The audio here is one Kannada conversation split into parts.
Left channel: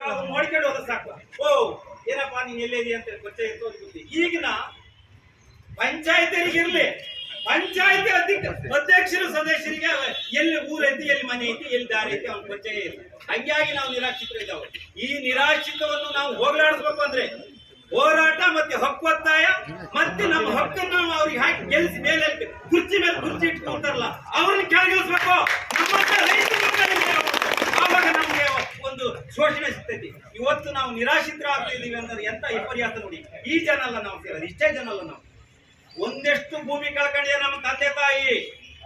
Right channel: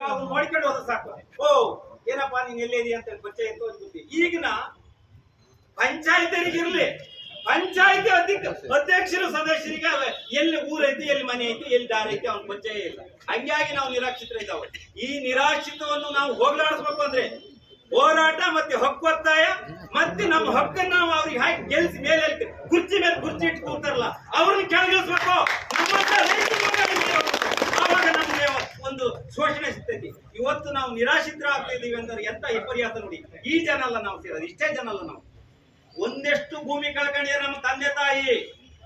ನೋಡ್ಕೊಂಡು ಹೋದ್ರೆ ಸಾಕು. ಓ, ಏನಪ್ಪ, ನೀನ್ ಎಲ್ಲಿದೆ ಅಂತ ಪರಿಚಯ ಇತ್ತು. ಈಗಿನ ಪಂಚಾಯತರಿಗಿರ್ಲಿ ಪಂಚಾಯತಿ ಅಧ್ಯಕ್ಷ, ಅಧ್ಯಕ್ಷರು, ಸದಸ್ಯರಿಗೆ ಎಲ್ಲಿ ಊರೈತಿ, ಎಲ್ಲಿ ಮನೆ ಐತಿ, ಎಲ್ಲಿ ದಾರಿ ಐತಿ ಅವ್ನ ಪರಿಚಯ ಇಲ್ಲ. ಹಂಗಾಗಿ ನಾವು ನಿರಾಶ್ರಿತರು ಇದ್ದಾವೆ ಈ ನಿರಾಶ್ರಿತವನ್ನು ನಾವು ಹೋಗಲಾಡಿಸ್ಬೇಕು ಅಂದ್ರೆ ಹೋರಾಟ ಮತ್ತೆ ಹಕ್ಕೊತ್ತಾಯ ಮತ್ತೆ ನಮ್ಮ ಹಕ್ಕನ್ನು ನಾವು ಅವ್ರಿಗೆ ಹಾಕಿ ಗೆಲ್ಸಿ ಮೇಲೆ ಕುರ್ಚಿ ಮೇಲೆ ಕುರ್ಚಿ ಇಟ್ಕೊಳ್ತಾರಲ್ಲ ಅವ್ರನ್ನ ಕೆಳಗಿಳಿಸ್ಬೇಕು ನಮ್ಮಂತ ರೈತರ ಮೇಲೆ ಮೇಲೆ ಹೋಗ್ಬೇಕು. ಆವಾಗ ನಮ್ಗೆ ಒಂದು ಸಿಗ್ತೈತಿ ಇವತ್ತು ನಾವು ನಿರಾಶ್ರಿತರ ಆಗ್ತಾ ಇದ್ದೀವಿ ಅಂದ್ರೆ ಎಂತ ವಿಪರ್ಯಾಸ ನೋಡಿ. ಈ ಜನ ಅಲ್ಲ ನಾವು ಸೇರೋದು, ಇಷ್ಟೇ ಜನ ಅಲ್ಲ ನಾವು. ಒಂದೆಷ್ಟು ಭೂಮಿ ಕಳ್ಕೊಂಡಿದೆ ನಮ್ಮ ತಂದೆ ತಾಯಿ.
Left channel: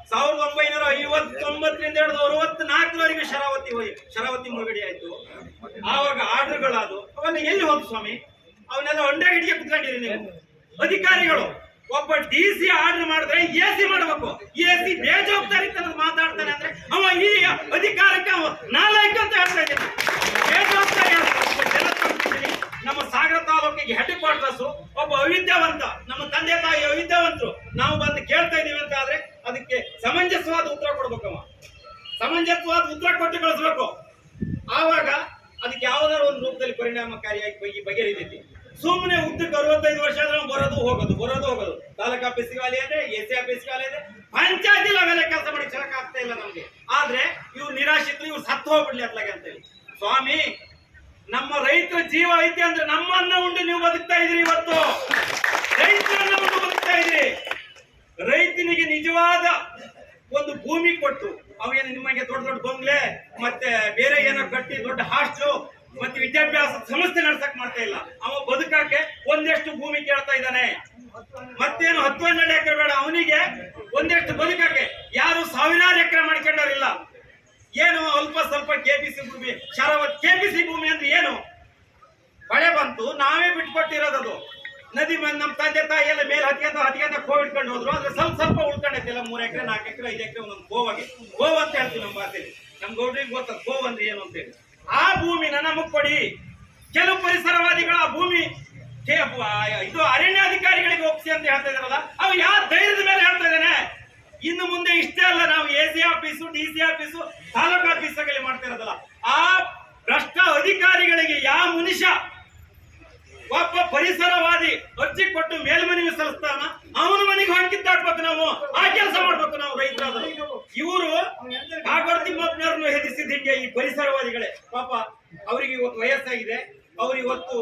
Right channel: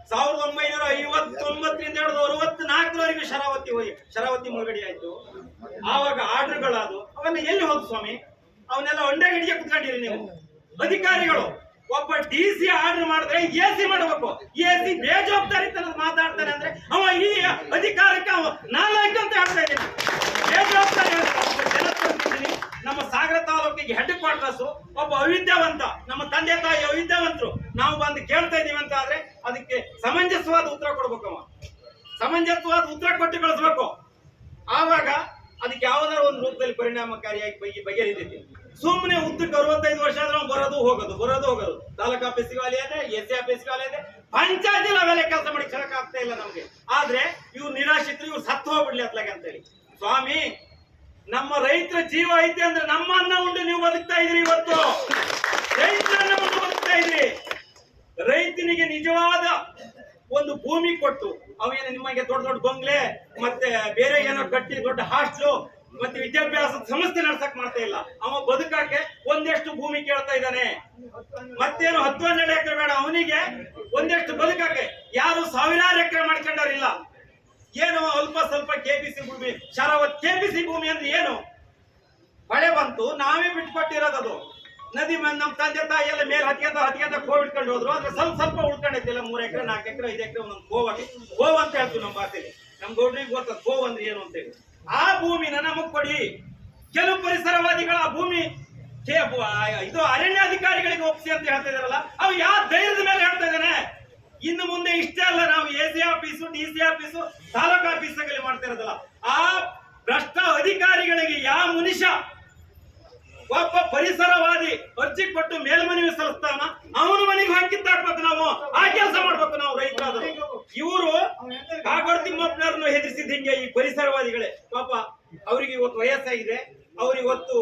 ಸಾವಿರದ ಒಂಬೈನೂರ ಐವತ್ತೊಂಬತ್ತರಿಂದ ಹಿಡಿದು ಅರವತ್ನಾಲ್ಕರವರೆಗೆ ಶರಾವತಿ ಹೋಗಿ- ಶರಾವತಿ ಮುಳುಗಡೆ ಆಯ್ತು. ಆವಾಗ ಆರ್ಡರ್ಗಳಾದು ಅವನ್ನ ಎಲ್ಲಿ ಹೋದ್ ಸ್ವಾಮಿ? ಅವನ್ನೆಲ್ಲ ಹೊಂಡೆ ಹಿಡಿಗೆ ಕುತ್ಕೊಂಡಿರಿ ನೀವು. ಅಧಿಕಾರಿಗಳು, ಒಬ್ಬ ಡಿ ಸಿ ಆರ್ಡರ್ ಮಾಡಿದ್ರೆ ಎ ಸಿ ಮಾಡಬೇಕು. ಎ ಸಿ ಬೇಜವಾಬ್ದಾರಿ ಮಾತಾಡ್ತಾನೆ ಅಂದ್ರೆ ಅವ ಈ ಅಧಿಕಾರಕ್ಕೆ ಅವ ನಾಲಾಯಕ ಅಂತ ಹೇಳ್ತಾ ಇದ್ದೀನಿ ಬೇಜವಾಬ್ದಾರಿ ಅಲ್ಲ. ಒಬ್ಬ ಜನಪ್ರತಿನಿಧಿ ನಮ್ಮ ತಾಲೂಕಿಗೆ ಹೆಡ್ ಕ್ವಾರ್ಟರ್ಸ್ ಒಬ್ಬ ಅವಿದ್ಯಾವಂತ, ನಮ್ಮ ತಂದೆ ತಾಯಿ ಅವಿದ್ಯಾವಂತರು, ನಾವು ಬಂದು ಕೇಳ್ತಾ ಇದೀವಿ ಅಂತ ಆದ್ರೆ ಅದಕ್ಕೆ ಸಮಂಜಸವಾದ ಉತ್ತರ ಕೊಡ್ಬೇಕವ ಸಮಂಜಸವಾದ ಉತ್ತರ ಕೊಟ್ಟು ಕಳಿಸ್ಬೇಕು. ಆವಾಗ ಅದಕ್ಕೆ ಯಾವ್ದಾದ್ರು ಒಂದು ರೂಪದಲ್ಲಿ ಪರಿಣಾಮಕಾರಿಯಾಗಿ ಬಗೆ, ಬಗೆಹರಿತೈತಿ. ಸುಮ್ಮನೆ ಉದ್ದಕ್ಕೆ ಅರವತ್ತೈದು ವರ್ಷ ಆದ್ರೆ ಬರೋದು ಹೋಗೋದು ಬರೋದು ಹೋಗೋದು. ತಾಲೂಕಾ ಆಫೀಸ್ಗೆ ಅಲೆ ಇದೆ, ಎಸ್ ಸಿ ಆಫೀಸ್ಗೆ ಇದೆ. ಪಂಚಾಯತಿ ಅವೆಲ್ಲ ಕೆಲಸ ಮಾಡಿ ಆಗ್ತಾ ಇಲ್ಲ ನಮ್ಗೆ. ಆದ್ರೆ ಇವ್ರು ನಿರಾಶಿತರು ಇವ್ರು ಸತ್ತು ಹೋಗ್ಬಿಡ್ಲಿ ಅತ್ಲಾಗೆ ಅಂತೇಳಿ. ಸ್ವಾಮಿ ನಮ್ಮ ರೈತರ ಜೀವ ಐತೆ ಅಂದ್ರೆ ನಮ್ಮನ್ನ ಉಂಡು ನೀವು ಬದುಕ್ತಾ ಇದ್ರಿ ಇವತ್ತು. ರೈತರನ್ನ ಉಂಡು ಬದುಕ್ತಾ ಇದ್ರಿ ರೈತನಿಗೆ ನಿಜವಾದ ಒಂದು ಭೂಮಿ ಕೊಟ್ಟು ಅವೇನು ನಿಮಗೆ ದೊಡ್ಡ ದೊಡ್ಡ ಬಂಗ್ಲೆ, ಮತ್ತೆ ಬೇರೆ ಏನೋ ಕಟ್ಟಿ ದೊಡ್ಡ ಹಾಸ್ಟೆಲ್, ಮತ್ತೆ ವಿದ್ಯಾಭ್ಯಾಸ ಸಂಸ್ಥೆ ನಡ್ಸಕ್ ಮಾಡ್ತಾ ಇಲ್ಲ. ಅವ ಬದುಕಕ್ಕೆ ಒಂದೆಷ್ಟು ಭೂಮಿ ಕೇಳ್ತಾ ಇದ್ದಾನೆ. ಮತ್ತೇನು ಹತ್ತು ಹನ್ನೆರಡು ಎಕರೆ ಬೇಡ, ಅವನಿಗೆ ಒಂದೆಷ್ಟು ಬದುಕಕ್ಕೆ ಯಾರು ಸಾವಿರಾರು ಎಕರೆ ಮಾಡ್ಕೊಂಡಾರಿಲ್ಲ ಏನು ಅಲ್ಪ ಸ್ವಲ್ಪ ಕೆಪಿಸಿ ಭೂಮಿ ಶರಾವತ್ ಕೆಪಿಸಿ ಭೂಮಿ ಅಂದ್ರೆ ಏನು? ಮಳೆ ಬಂತು, ನಾವೇ ಬಿಟ್ಕೊಟ್ಟಿರೋದದು ನದಿ ನಮ್ಮ ತಂದೆ ತಾಯಿ ಎಲ್ಲ ಮೇಲೆ ಹತ್ಕೊಂಡ ಹತ್ಕೊಂಡ ಕೋವ್ ಇಟ್ಕೊಂಡು ಹೋದ್ರು. ಅಂದ್ರೆ ಸ್ವಲ್ಪ ಸ್ವಲ್ಪ ಉಳ್ಕೊಂಡೈತಿಲ್ಲ, ಮೂರ್ ಎಕರೆ, ನಾಲ್ಕು ಎಕರೆ, ಐದು ಎಕರೆ ಒಂದೊಂದು ಗೋವಾಗಿ ಗೋವ್ ಅಂತ ಹೇಳ್ತೀವಿ ನಮ್ಮ ಭಾಷೆಯಲ್ಲಿ ನಮ್ ಗೌಡ್ರಿಗೆ ಗೊತ್ತದ ಗೋವ್ ಅಂದ್ರೆ ಏನು ಅಂತೇಳಿ. ಆ ಭೂಮಿನ ನಮಗ್ ಕೊಡಿ. ಕೆಲವು ಪರಿಸರವಾದಿಗಳ ಆ ಭೂಮಿ ಕೆ- ಇದು ಅರಣ್ಯಾಧಿಕಾರಿಗಳಿಗೆ ಒಪ್ಪಿಸಿ ಅಂತ ಹೇಳ್ತಾ ಇದಾರಲ್ಲ ಅವು ಯಾವ ಧೈರ್ಯದ ಮೇಲೆ ಹೇಳ್ತಾ ಇದ್ದಾನೆ ಇನ್ನು ಮುಂದೆ ಇಷ್ಟೇ ಅಲ್ಲ ನಾವು A C office D C office, taluk ಆಫೀಸ್ಗಳಲ್ಲಿ ಮಾಡ್ತಾ ಇರೋದಲ್ಲ ಆ ಭ್ರಷ್ಟ ಅಧಿಕಾರಿಗಳಿಗೆ ಯಾವ ಮನುಷ್ಯ ಒಬ್ಬ ಪರಿಸರವಾದಿ ಅರ್ಜಿ ಕೊಟ್ಟು ಮೇಲ್ಮನವಿ ಸಲ್ಲಿಸ್ತಾನ ಅವನ ಮನೆಗೆ ಹಾಕಿದ್ದಾಕ್ಬೇಕು ನಾವು. ಆ ಕೆಲಸ ಮಾಡ್ಬೇಕು ನಾವು ರೈತರಾದ್ರು ಇವರು ಕಾಗೋಡ್ ತಿಮ್ಮಪ್ಪನವ್ರನ್ನು ಹೆದರಿಸಿದ ಹಿಂಗೆ ಈ ಪರಿಸರವಾದಿಗಳೇ. ಪಾಪ ಅವ್ರಿಗೆ ಇವತ್ತು ವಯಸ್ಸಾಗಿದೆ. ಅವ್ರು ಇವತ್ತು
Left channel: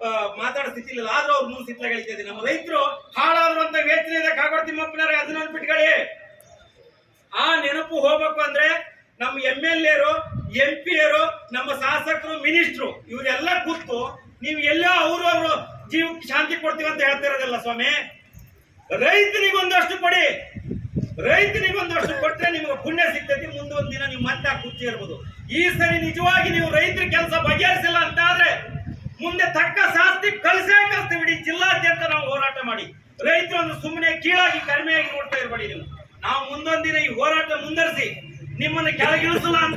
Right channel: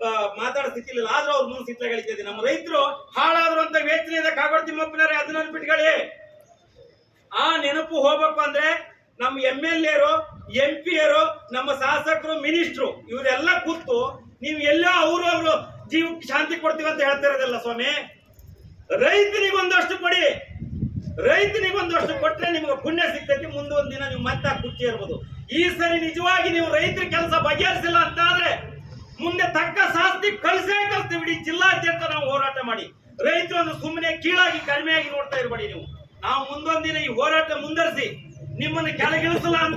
ಮಾತಾಡ ಮಾತಾಡೋ ಸ್ಥಿತಿ ಆದ್ರೂ ಅವ್ರ ಮುಂದೆ ಸಿಟ್ಲಾಗಳಿದ್ದಾರೆ ನಮ್ಮ ರೈತರು ಹಾಳಾದ್ರು ಅಂತ ವೇತನ ಇದೆ. ಕಾಗೋಡ್ ತಿಮ್ಮಪ್ಪನವ್ರೆ ಅದನ್ನ ಬಿಟ್ಕೊಳ್ಳಿ. ಆ ನೆನಪು ಹೋಗ್ಬೇಕು ಅಂದ್ರೆ ನಮ್ಮ ಎಂ ಎಲ್ ಎರು ಎಂ ಪಿ ಎರು ನಮ್ಮ ಶಾಸಕರು, ಮಿನಿಸ್ಟ್ರು, ಇವರೆಲ್ಲ ಕೂತು ನೀವು ಎಲ್ಲೋ ಅವರು ಜೀವಕ್ಕೆ ಶಾಂತಿ ಕೊಡ್ತೀವಿ ಅಂತ ಹೇಳ್ತಾ ಇರೋದಿಲ್ಲ ಸ್ವಾಮಿ? ರೈತನಿಗೊಂದಷ್ಟು ಕೊಡಿ. ರೈತನಿಗೊಂದಷ್ಟು ಕೊಟ್ಟರೆ ನಿಮಗೆ ಪುಣ್ಯ ಸಿಗ್ತೈತಿ. ಮುಂದೊಂದು ದಿನ ನೀವು ಮತ್ತೆ ಕುರ್ಚಿ ಇರ್ಬೋದು ಈ ಸರಿ ನಿಜವಾಗಿ ನೀವು ರೈತರ ಕೆಲಸ ಬಗೆಹರಿಸಿಲ್ಲ ಅಂತ ಆದ್ರೆ ಮುಂದೆ ತಕ್ಕ ಶಾಸ್ತಿ ಕಳಿಸೇ ಕಳಿಸ್ತೀವಿ. ಇಡೀ ಜಿಲ್ಲಾದ್ಯಂತ ನಾವು ಹೋರಾಟ ಮಾಡಿ. ರೈತರನ್ನು ಸುಮ್ಮನೆ ಕೀಳಾಗಿ ಕಡಿಮೆಯಾಗಿ ನೋಡ್ತಾ ಇರಬೇಡಿ ನೀವು. ನಾವು ಮುಂದೊಂದಿನ ದಿನ ಈ ಹೋರಾಟ ಮುಂದರಿಸಿ ನಿಮ್ಮನ್ನು ಕೆಳಗಿಳಿಸಲ್ಲ ಅಂತ